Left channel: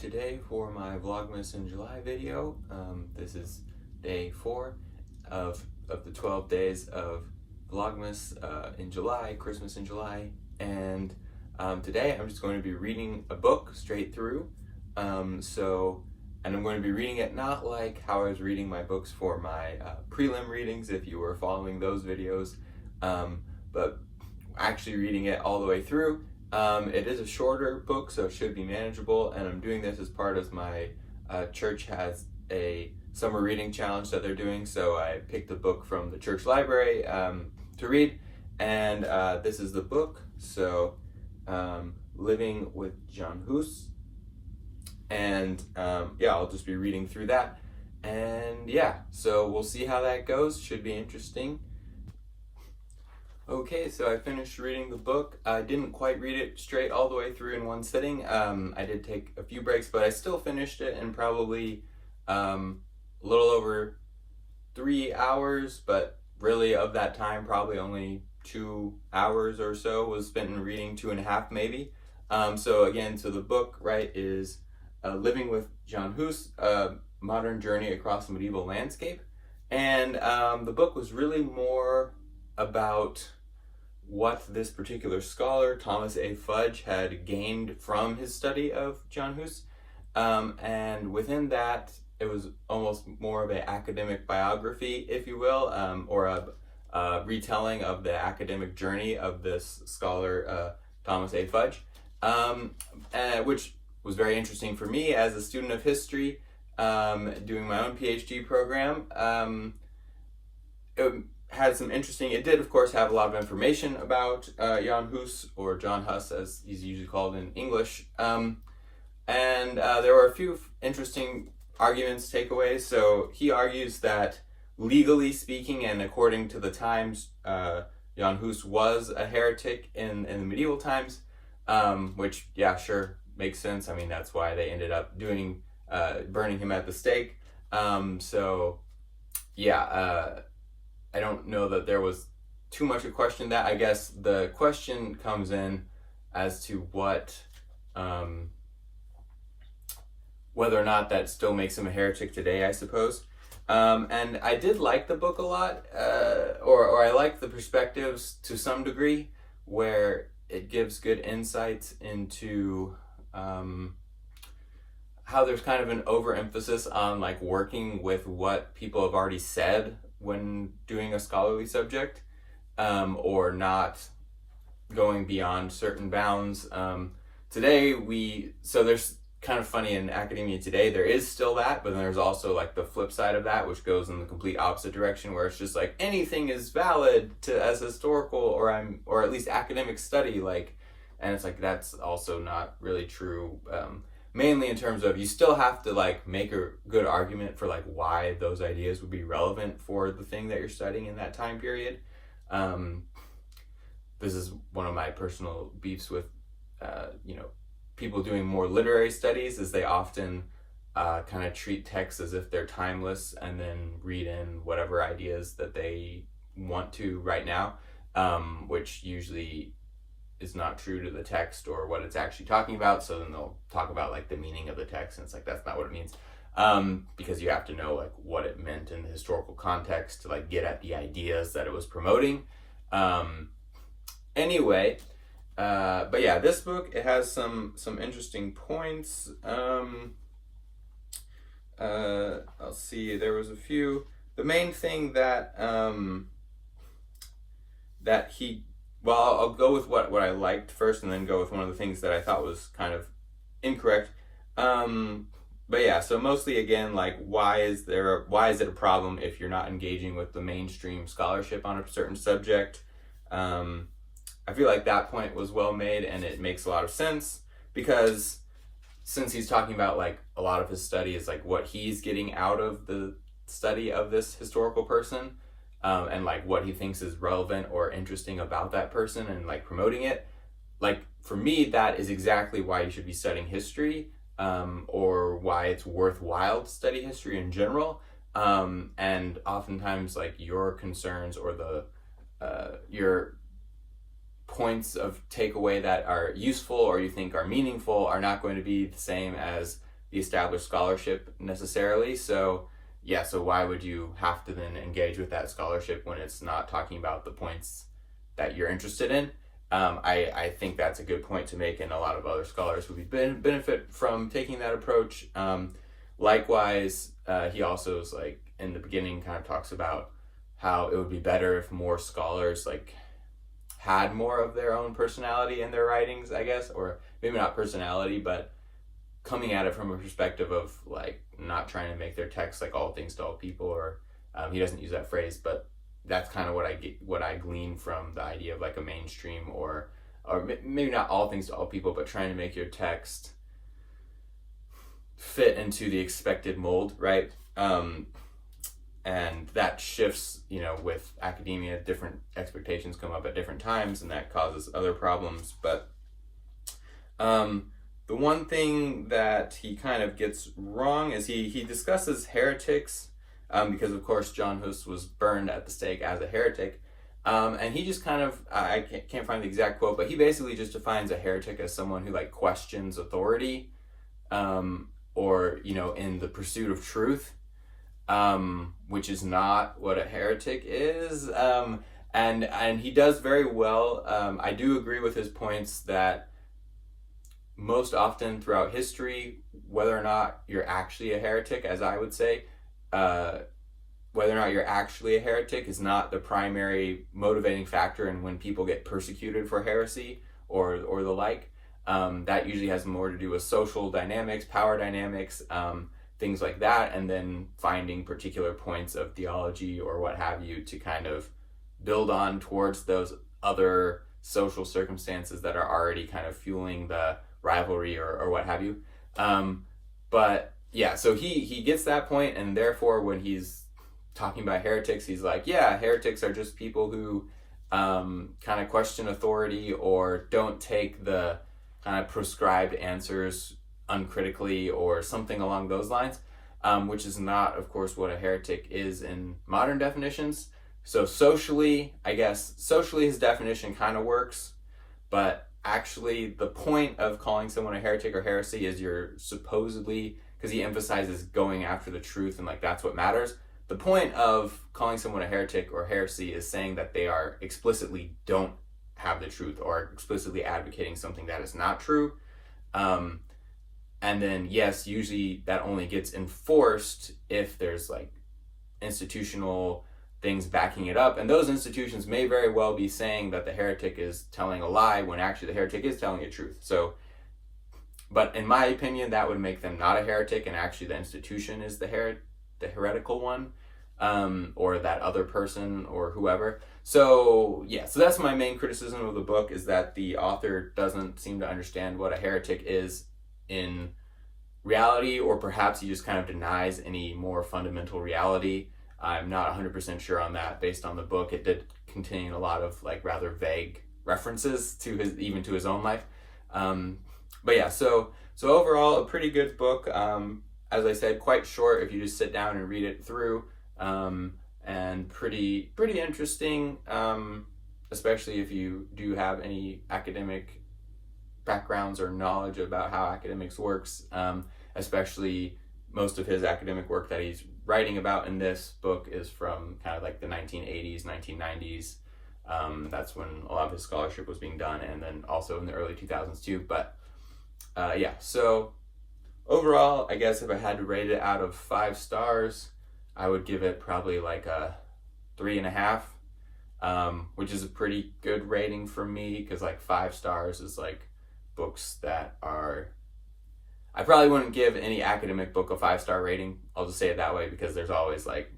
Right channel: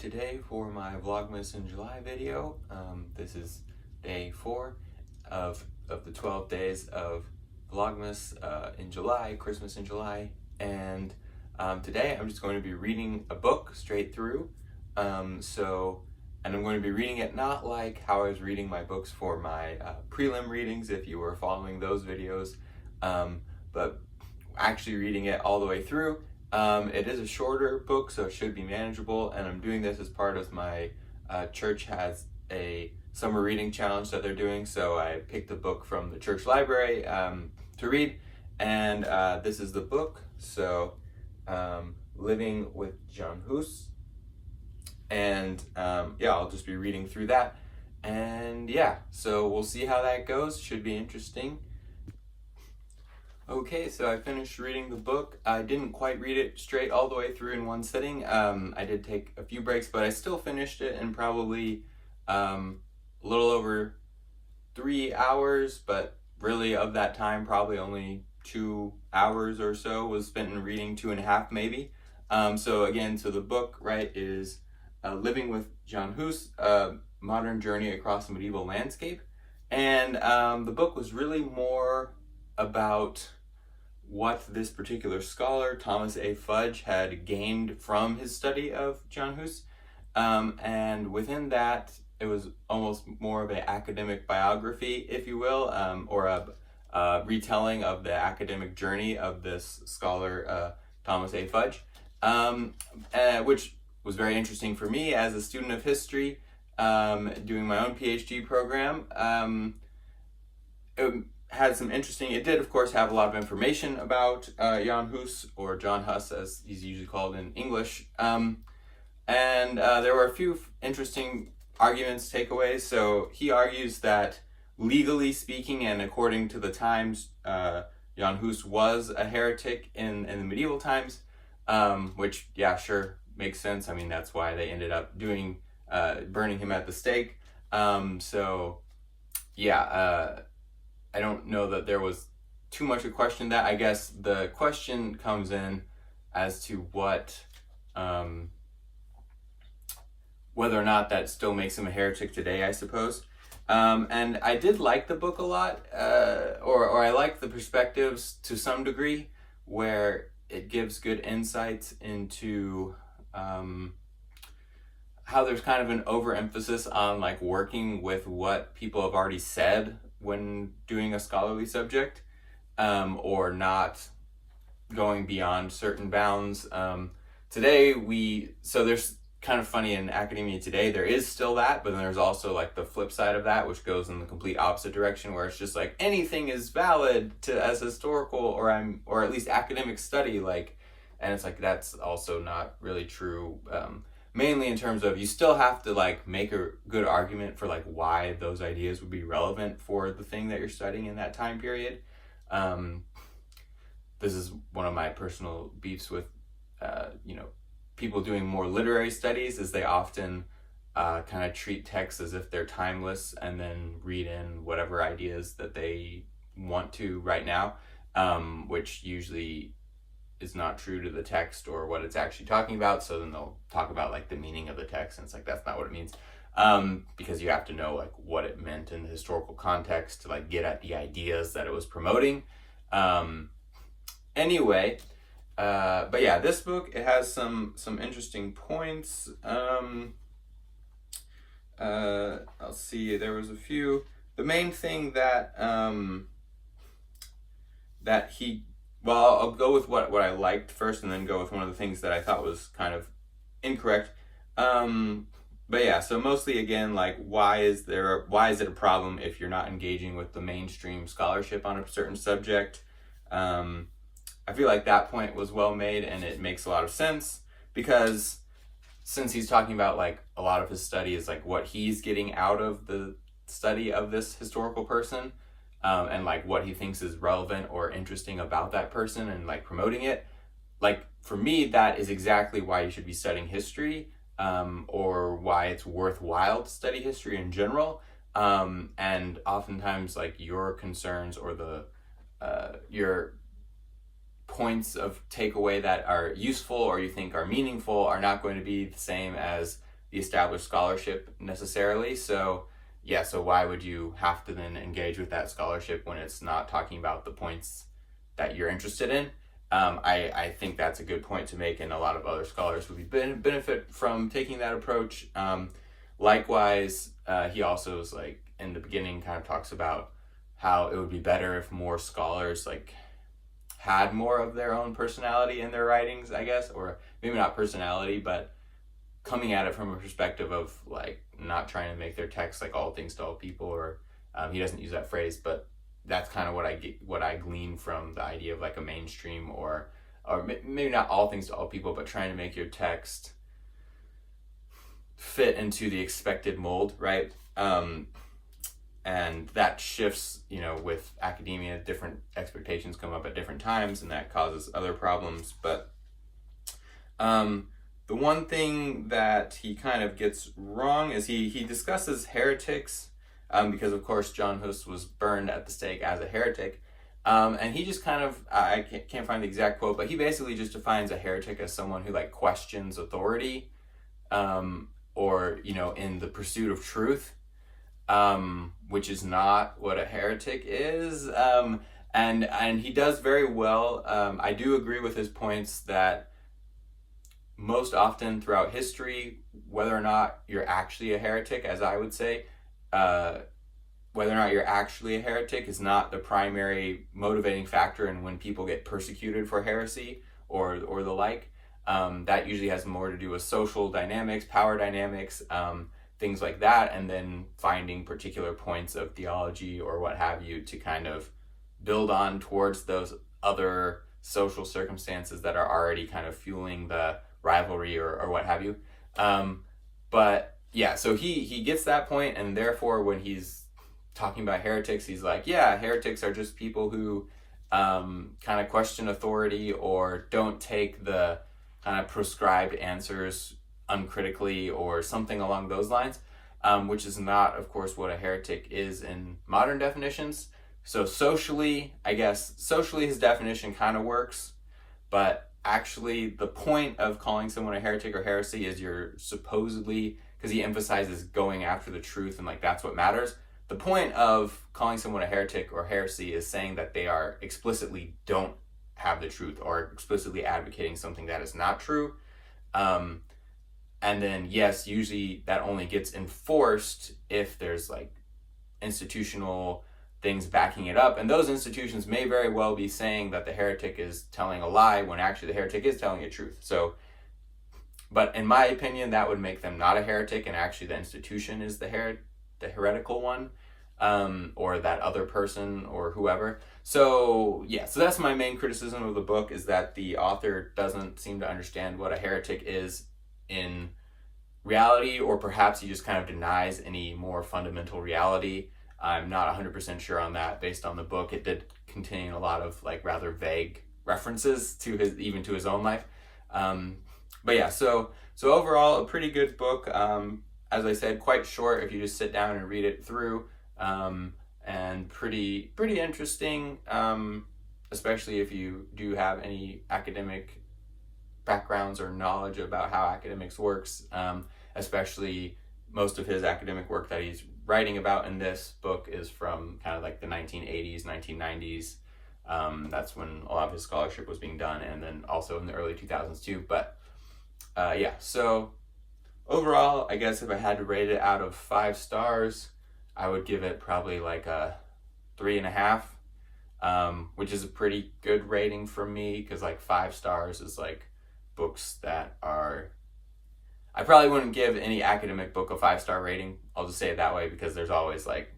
today for my Vlogmas in July video. This is day 4 of the 12 days of Vlogmas in July, Christmas in July. And today I'm just going to be reading a book straight through. And I'm going to be reading it not like how I was reading my books for my prelim readings, if you were following those videos, but actually reading it all the way through. It is a shorter book, so it should be manageable, and I'm doing this as part of my church has a summer reading challenge that they're doing, so I picked a book from the church library to read, and this is the book, so Living with John Hus, and yeah, I'll just be reading through that, and yeah, so we'll see how that goes. Should be interesting. Okay, so I finished reading the book. I didn't quite read it straight all the way through in one sitting. I did take a few breaks, but I still finished it in probably a little over 3 hours, but really of that time, probably only 2 hours or so was spent in reading, 2.5 maybe. So the book, right, is Living with John Hus, A Modern Journey Across the Medieval Landscape. And the book was really more about what this particular scholar, Thomas A. Fudge, had gained from his study of John Hus. And within that, it was almost more of an academic biography, if you will, or a retelling of the academic journey of this scholar, Thomas A. Fudge, which was very interesting for me as a student of history, doing my own PhD program. It did of course have a lot of information about Jan Hus, or John Hus as he's usually called in English, and there were a few interesting arguments, takeaways. So he argues that legally speaking and according to the times, Jan Hus was a heretic in the medieval times, which yeah, sure, makes sense. I mean, that's why they ended up burning him at the stake. I don't know that there was too much a question that. I guess the question comes in as to whether or not that still makes him a heretic today, I suppose. And I did like the book a lot, or I like the perspectives to some degree, where it gives good insights into how there's kind of an overemphasis on like working with what people have already said when doing a scholarly subject, or not going beyond certain bounds. So there's kind of funny in academia today, there is still that, but then there's also like the flip side of that, which goes in the complete opposite direction, where it's just like anything is valid as historical or at least academic study, and it's like that's also not really true. Mainly in terms of you still have to like make a good argument for like why those ideas would be relevant for the thing that you're studying in that time period. This is one of my personal beefs with people doing more literary studies, is they often kind of treat texts as if they're timeless and then read in whatever ideas that they want to right now, which usually is not true to the text or what it's actually talking about. So then they'll talk about like the meaning of the text, and it's like that's not what it means, because you have to know like what it meant in the historical context to like get at the ideas that it was promoting. Anyway, but yeah, this book, it has some interesting points. I'll see, there was a few. The main thing that I'll go with what I liked first, and then go with one of the things that I thought was kind of incorrect. But yeah, so mostly again, like why is it a problem if you're not engaging with the mainstream scholarship on a certain subject? I feel like that point was well made, and it makes a lot of sense, because since he's talking about like a lot of his study is like what he's getting out of the study of this historical person, and like what he thinks is relevant or interesting about that person, and like promoting it. Like for me, that is exactly why you should be studying history, or why it's worthwhile to study history in general. And oftentimes like your concerns or your points of takeaway that are useful or you think are meaningful are not going to be the same as the established scholarship necessarily. So yeah, so why would you have to then engage with that scholarship when it's not talking about the points that you're interested in? I think that's a good point to make, and a lot of other scholars would benefit from taking that approach. Likewise, he also is like in the beginning kind of talks about how it would be better if more scholars like had more of their own personality in their writings, I guess, or maybe not personality, but coming at it from a perspective of like not trying to make their text like all things to all people, or he doesn't use that phrase, but that's kind of what I glean from the idea of like a mainstream, or maybe not all things to all people, but trying to make your text fit into the expected mold, right? And that shifts, you know, with academia, different expectations come up at different times, and that causes other problems. But the one thing that he kind of gets wrong is he discusses heretics, because of course John Hus was burned at the stake as a heretic. And he just kind of, I can't find the exact quote, but he basically just defines a heretic as someone who like questions authority, or, you know, in the pursuit of truth, which is not what a heretic is. And he does very well. I do agree with his points that most often throughout history, whether or not you're actually a heretic, as I would say, whether or not you're actually a heretic is not the primary motivating factor in when people get persecuted for heresy or the like. That usually has more to do with social dynamics, power dynamics, things like that, and then finding particular points of theology or what have you to kind of build on towards those other social circumstances that are already kind of fueling the rivalry or what have you. But yeah, so he gets that point, and therefore when he's talking about heretics, he's like, yeah, heretics are just people who kind of question authority or don't take the kind of prescribed answers uncritically or something along those lines, which is not, of course, what a heretic is in modern definitions. So socially, I guess, his definition kind of works, but actually the point of calling someone a heretic or heresy is you're supposedly, because he emphasizes going after the truth and like that's what matters. The point of calling someone a heretic or heresy is saying that they are explicitly don't have the truth or explicitly advocating something that is not true. And then, yes, usually that only gets enforced if there's like institutional things backing it up. And those institutions may very well be saying that the heretic is telling a lie when actually the heretic is telling a truth. So, but in my opinion, that would make them not a heretic, and actually the institution is the heretical one, or that other person or whoever. So yeah, so that's my main criticism of the book, is that the author doesn't seem to understand what a heretic is in reality, or perhaps he just kind of denies any more fundamental reality. I'm not 100% sure on that based on the book. It did contain a lot of like rather vague references to his own life. But yeah, so overall a pretty good book. As I said, quite short if you just sit down and read it through, and pretty interesting, especially if you do have any academic backgrounds or knowledge about how academics works, especially most of his academic work that he's writing about in this book is from kind of like the 1980s, 1990s. That's when a lot of his scholarship was being done, and then also in the early 2000s too. But yeah, so overall, I guess if I had to rate it out of 5 stars, I would give it probably like a 3.5, which is a pretty good rating for me, because like 5 stars is like books that are, I probably wouldn't give any academic book a 5-star rating. I'll just say it that way, because there's always like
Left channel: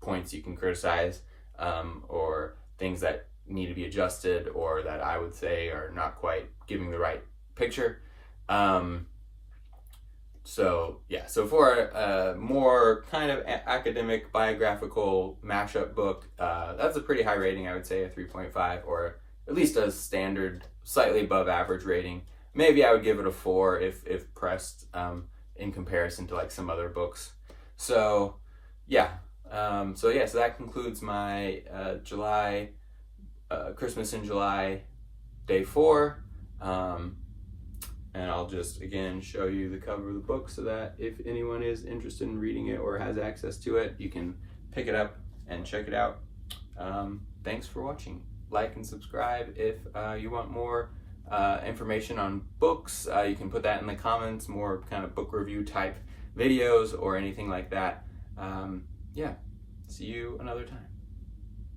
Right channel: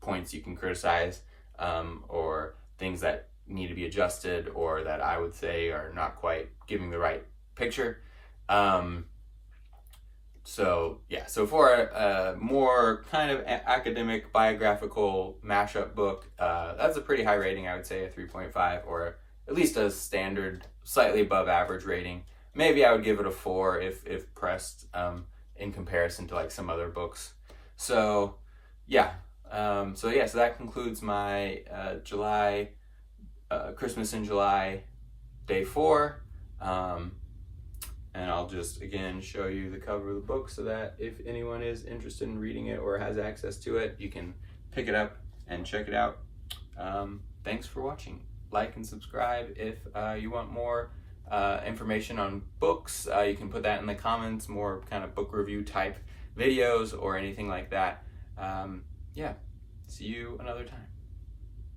points you can criticize, or things that need to be adjusted, or that I would say are not quite giving the right picture. So yeah, so for a more kind of academic biographical mashup book, that's a pretty high rating. I would say a 3.5, or at least a standard, slightly above average rating. Maybe I would give it a 4 if pressed, in comparison to like some other books. So yeah, so that concludes my July, Christmas in July, day 4. And I'll just, again, show you the cover of the book so that if anyone is interested in reading it or has access to it, you can pick it up and check it out. Thanks for watching. Like and subscribe if you want more information on books. You can put that in the comments, more kind of book review type videos or anything like that. Yeah, see you another time.